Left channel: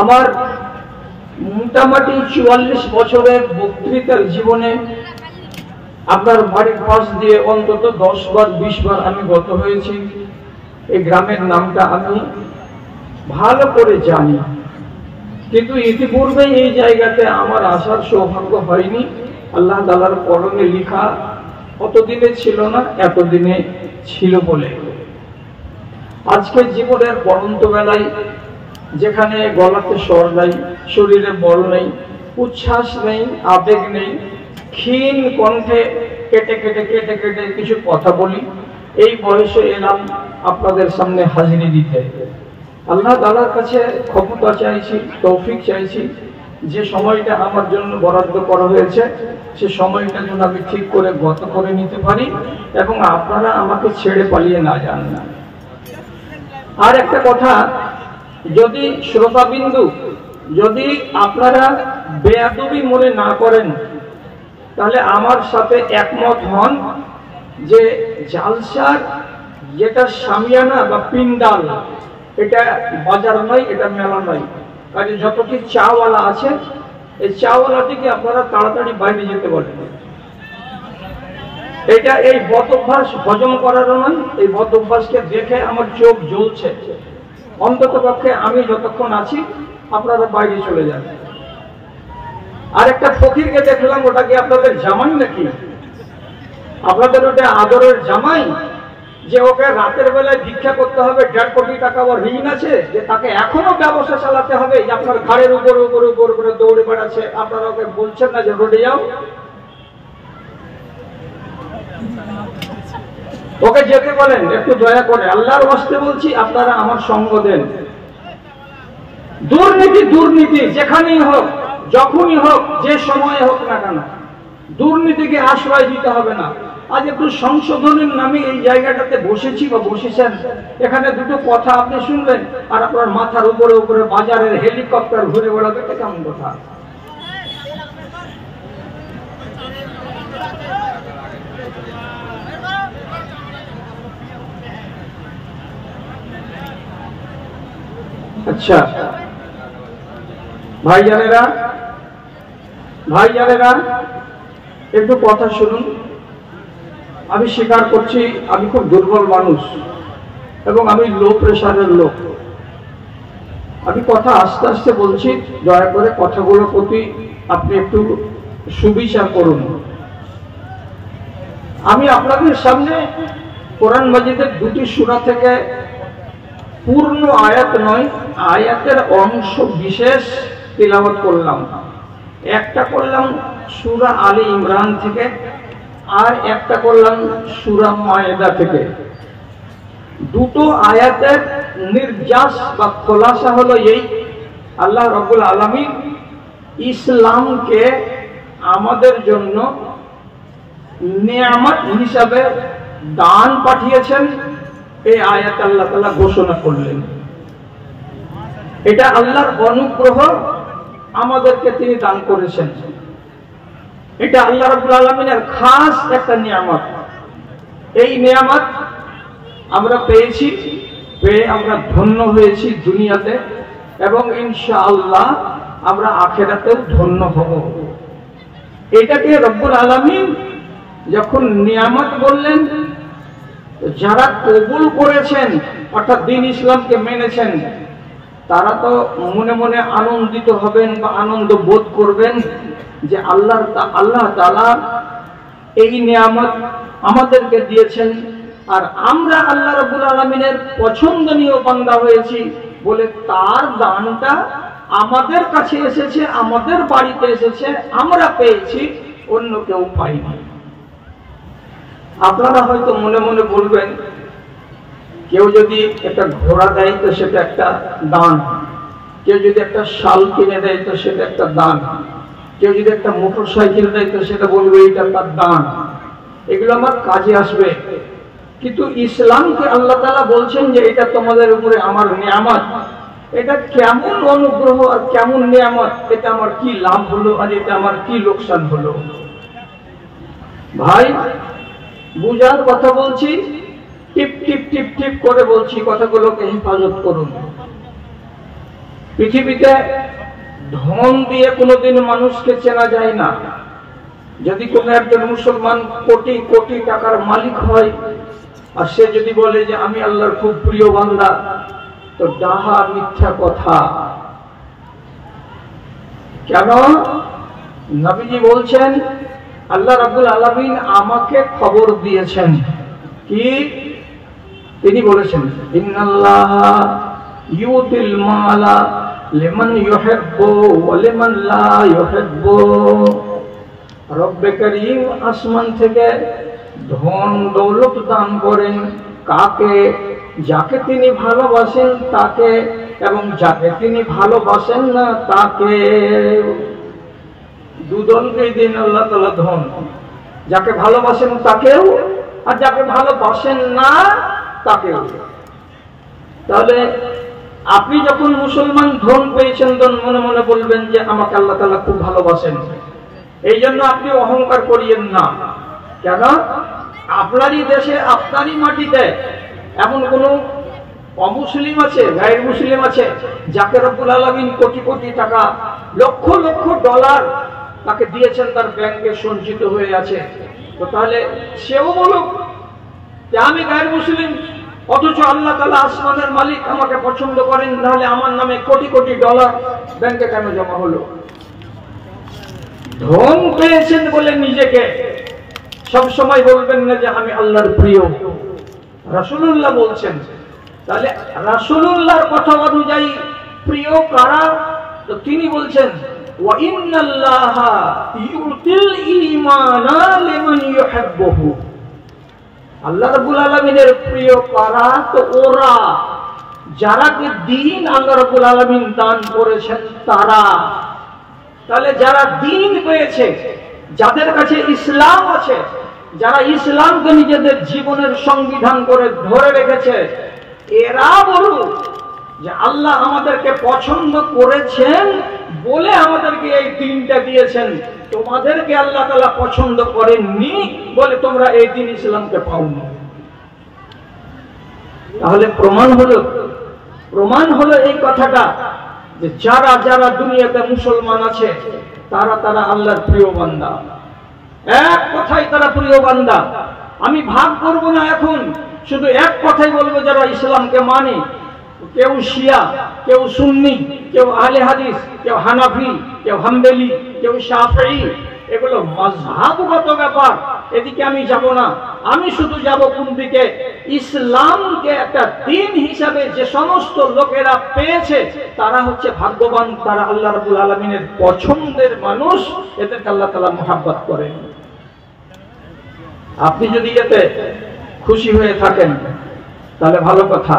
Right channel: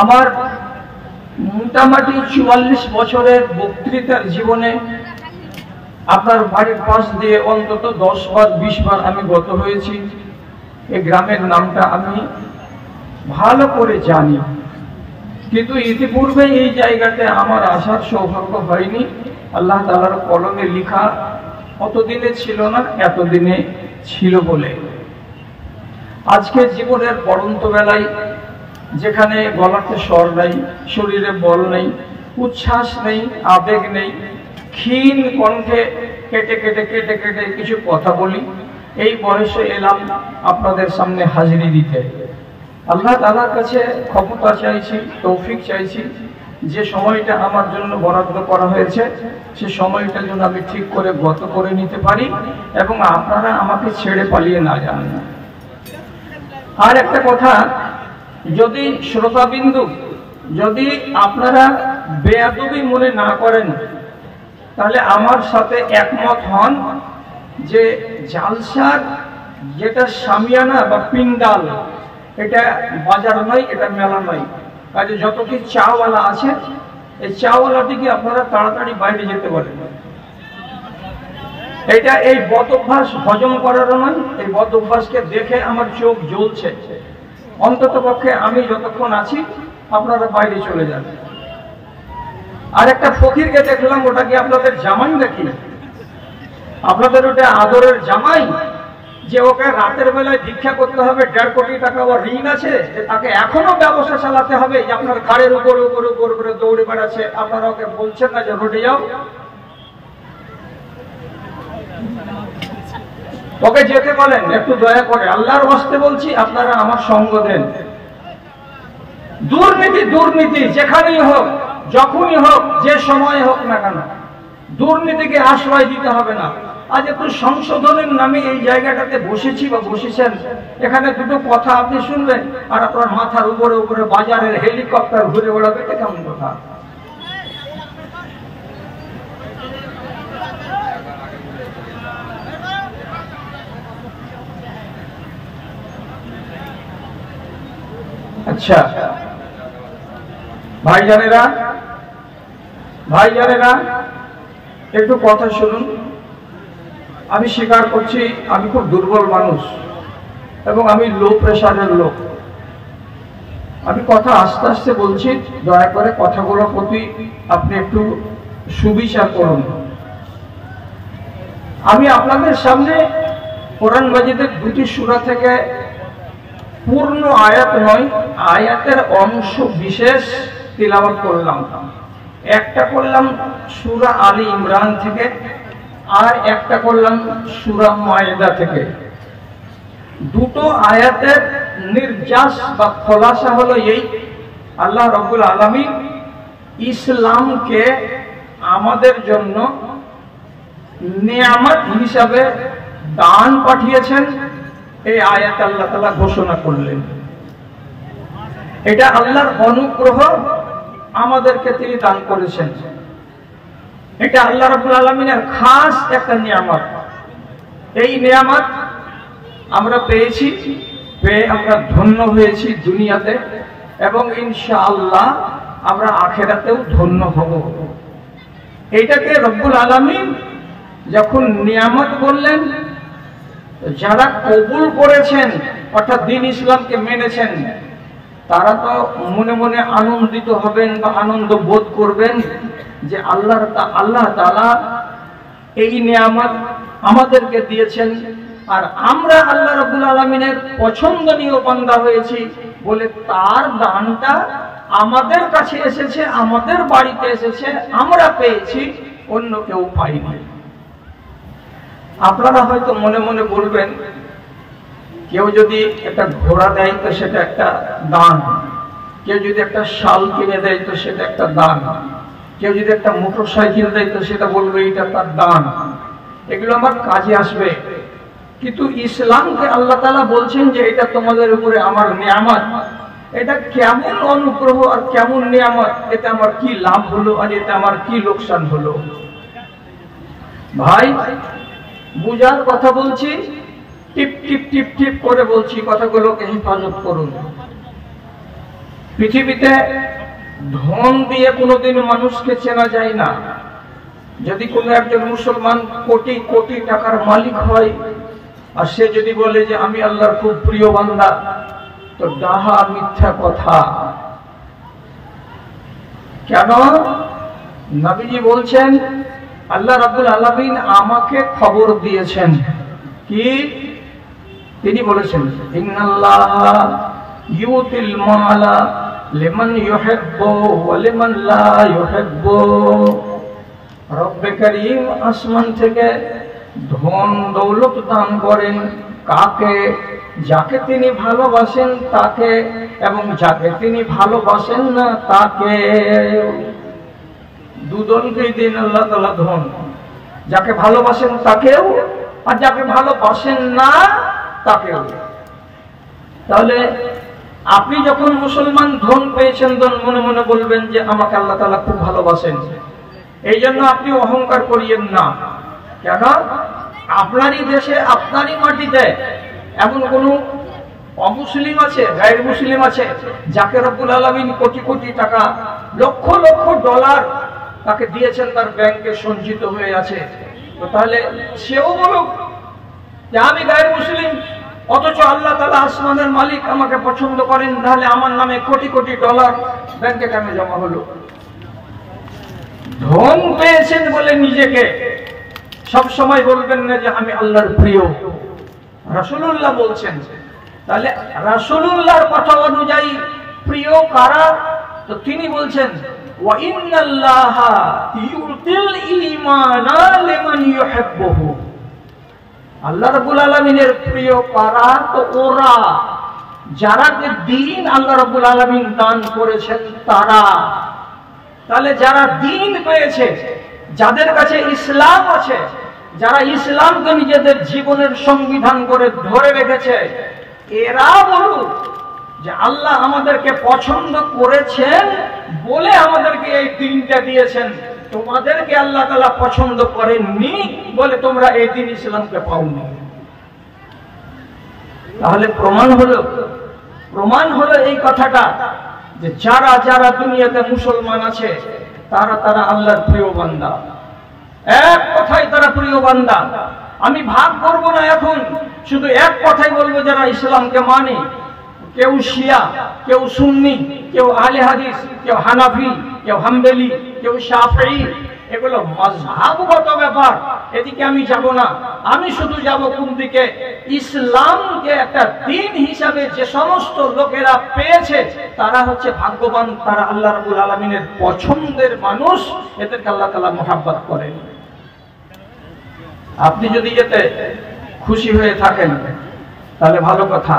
আমার মোটামুটি 44 বছরের বক্তৃতার জীবনে আপনার বাড়ির পাশ দিয়ে অন্তত 10 বার 20 বার আমি গত হয়েছি। এই গ্রামের নামটা আমি ভালো করে জানি, কিন্তু ইতিপূর্বে এই জায়গাতে আমার আসার সৌভাগ্য হয়নি। আল্লাহ তাআলার কলমে লেখা অতদিনে ছিল না, এতদিনে ছিল বলে আজকের জীবনের পড়ন্ত বেলায় যেখানে গলাতে স্বর নাই, শরীরে বল নেই, উচ্ছ্বাস নেই, আবেগ নেই, ক্ষীণ কণ্ঠে কেটে কেটে কেটে কেটে কিছু কথা বলি, এই বয়সে এলাম আপনাদের সামনে হাজিরি দিতে। আল্লাহ তাআলার কাছে ক্ষমতা চাইছি, তৌফিক চাইছি, যে সময়টা আমার জন্য বরাদ্দ করা হয়েছে সে সময়টা যেন আমি ঠিক করে গত করে নিতে পারি এবং আপনারা আমাকে ছেড়ে পালিয়ে না যান না। আর একটা কথা, যদি শ্রোতাবিন্দু যদি আপনারা বেয়াদবি মনে না করেন তাহলে আমার সাথে একমত হন যে জালসার যেটা সামিয়ানা বা পিন্ডাল, এটা বাজার নয়, এটা মেলা নয়। কাজে যতটি চাওয়ালা আছে এই চাওয়ালাটিকে আপনারা তাড়াতাড়ি বাইরে যেতে পারেন। এটা এই বদ অভ্যাস হজম করারও না, এই বদ অভ্যাসকে দেখে আমার চোখ জ্বলছে। অন্তত পক্ষে আমি যতক্ষণ আছি আপনারা বাইরে চলে যান। আর একটা ফকিরকে দেখলাম, ওটা কি আপনাদের জামাই নাকি? আপনাদের ওটা আদরের জামাই যে ওকে রাতের বেলায় ভিক্ষা করতে হবে, 1.5 কোটি টাকা বা ঋণ আছে, যে তাকে এখনো ব্যবসা চালাতে হবে, যে আপনার ঘাড়ের উপরে উপরে উপরে করে দৌড়ে বেড়াচ্ছে, আপনারা ওকে বলছেন না যে রোডে যাও? ওকে যেতে বলেন একটু দয়া করে, আল্লাহর ওয়াস্তে বলছি, আপনারা আমার সঙ্গ দেন। দুর্নীতি দুর্নীতি যেখানেই হোক, যখনই হোক, যে সময় হোক না কেন, দুর্নীতিকে আশ্রয় দিতে হবে না। আজ একটু সংশোধনের নামে এই জায়গাটাতে বসেছি বা বসেছেন, এখানে দুটো কথা আপনি শুনবেন আর আপনার মাথার উপরে উপরে বাজারের হেলিকপ্টার ঘুরে বেড়াবে, এটা কেমন কথা? আচ্ছা ভাইজানেরা, একটু কথা শুনুন। আমি স্বীকার করছি আমি খুব দুর্বল মানুষ এবং আমি লো প্রেশারের লোক। আমি কথা আস্তে আস্তে বলছি, দয়া করে কথাগুলোর প্রতি আপনি একটু সুবিচার করুন। আমি আপনাদের সামনে কোরআন মাজিদের 2টি সূরা থেকে পূর্ণ আয়াত নয়, আয়াতের অংশ বিশেষ তিলাওয়াত করলাম। একটা করলাম সূরা আলী ইমরান থেকে, আর একটা করলাম সূরা মায়েদা থেকে। দুটো আয়াতের নির্যাস বা খোলাসা হলো এই, আল্লাহ রাব্বুল আলামিন ইসলামকে আমাদের জন্য নিয়ামত হিসাবে দান পাঠিয়েছেন। এই আয়াত আল্লাহ তাআলা ঘোষণা করলেন, এটা আল্লাহর অনুগ্রহ, আমাদেরকে তিনি দান করেছেন। এটা আল্লাহ রাব্বুল আলামিনের খাস একটা নিয়ামত। এই নিয়ামত আমরা পেয়েছি, পেয়ে আমরা ধন্য হয়েছি দুনিয়াতে, এবং ইনশাআল্লাহ আমরা আখিরাতেও ধন্য হব। এটাকে রব্বুল আলামিন যখন নিয়ামত বললেন, যারা কবুল করেছেন অর্থাৎ দ্বীন ইসলামকে মেনেছেন, তারা তো মনে মনে আনন্দিত হবেন বা আনন্দ বোধ করবেন যে আল্লাহ তাআলা এই নিয়ামত আমাদেরকে দিয়েছেন, আর আমরা আল্লাহ রাব্বুল আলামিনের পছন্দনীয় বান্দা হয়েছি বলে তার দানটা আমাদের কাছে এসেছে, আমাদের বাড়িতে এসেছে, আমরা পেয়েছি, অন্য কেউ পায়নি। আপনারা হয়তো মনে মনে বলবেন, কেউ যদি একটা ঘোড়া দেয় তো সেটা একটা দান, কেউ যদি একটা শাল কিনে দেয় তো সেটা একটা দান, কেউ যদি একটা মোটর সাইকেল দেয় তো সেটা বলবে এটা একটা দান, এগুলো আমার কাজে আসবে। কিন্তু ইসলামকে আল্লাহ তাআলা বলছেন যে এটা তোমাদের উপরে আমার নিয়ামত। এটা কেমন অনুগ্রহ আর কেমন নিয়ামত, এটা আমার কি লাভ হলো আর এটা আমার কি লোকসান হলো? ভাই, বুঝার কথা বলছি, টিপ টিপ টিপ টিপ করে বলছি, কথাগুলোকে হেফাজত করুন। পৃথিবীতে ধন দিয়ে কোনোদিন মানুষকে চেনা যায় না। যদি কোনো একজন মুসলমান কোটি কোটি টাকার মালিক হয় আর সে যদি বলে যে আমি আল্লাহর খুব প্রিয় বান্দা, তো ডাহা মিথ্যা কথা। কেন? নবীজি বলছেন, আল্লাহ রাব্বুল আলামিন আমাকে খবর দিয়েছেন কি? তিনি বলেছেন, ইন্নাল্লাহা ইউতিল মালা লিমান ইউহিব্বু ওয়া লিমান লা ইউহিব্বু। রব্বে কারীম আসমান থেকে ধন দৌলত দান করেন কাকে? যাকে তিনি ভালোবাসেন তাকে, এবং যাকে তিনি ভালোবাসেন না তাকে। দুদলকে দিন আল্লাহ তাআলা ধন, যাকে ভালোবাসেন তাকেও, আর যাকে ভালোবাসেন না তাকেও। তাহলে আপনি যখন মুসলমান ধন পেয়েছেন, তখন মনে মনে বলবেন যে আমাকে আল্লাহ তাআলা খুব ভালোবাসেন। এই জন্য আপনি অহংকার করিয়েন না। কেন? আপনারই দেশে, আপনারই মাটিতে এমন কোন অমুসলিম আছে, গায়ের মুসলিম আছে, যাকে রব্বুল আলামিন কোটি কোটি টাকা, লক্ষ লক্ষ ডলার তাকে দিয়েছেন, তার ব্যাংকে সঞ্চিত হয়ে আছে। তো তাহলে সেও বলুক যে আমি গায়ের মুসলিম, অথচ আল্লাহ তাআলা আসমানের মালিক আমাকে পছন্দ করেন, তাহলে আমার নামে কোটি কোটি ডলার ব্যাংকে কেন জমা হলো? ধন পেয়েছেন বলে নিজেকে সব সময় বলবেন না যে আমি আল্লাহর প্রিয়। রাসূলুল্লাহ বলছেন, তাহলে রাসূলুল্লাহর কথা অনুযায়ী প্রিয় কারা? তো তিনি বলছেন, ওয়া ইন্নাল্লাহা ইউতিল ঈমানা লিমান ইউহিব্বুহু। আল্লাহ রাব্বুল আলামিনের প্রিয় কারা? তো ওরা যারাকে দ্বীন আল্লাহ রাব্বুল আলামিন দান করেছেন তারা। তাহলে যারা দ্বীন পেয়েছে, যাদের কাছে ইসলাম আছে, যারা ইসলামকে নিজেদের জীবনের সংবিধান করে ধরে রেখেছে, এরা বলুন যে আল্লাহ আমাদেরকে পছন্দ করেছেন বলে আমাদেরকে এই দিনটা দিয়েছেন, তোমাদেরকে আল্লাহ তাআলা পছন্দ করেননি বলে তোমরা এই দিন ইসলামকে পাওনি। তাহলে প্রমাণ হলো এই কথাটা যে যারা যারা দুনিয়াতে মুসলমান আছে তারা তারা আল্লাহর প্রিয় বান্দা। এক কথাই তারা প্রিয় বান্দা। আমি ভাগ করব না এখন, শুধু এক কথাই বলবো, যারা ইসলামকে মানে, কেউ শিয়া, কেউ সুন্নি, কেউ আহলে হাদিস, কেউ হানাফি, কেউ হাম্বলি, কেউ শাফিঈ, এগুলো মাযহাবগত ব্যাপার, এদিকে আমি যাব না। আমি শুধু যাব কোন দিকে? ইসলামকে একটা দ্বীন হিসাবে যে সমস্ত লোকেরা পেয়েছে তারা হচ্ছে ভাগ্যবান, তারা আল্লাহ রাব্বুল আলামিনের পছন্দের মানুষ, এদেরকে আল্লাহ তাআলা মহব্বত করেন। আপনি যদি এতে খুশি হয়ে থাকেন তাহলে ভালো কথা।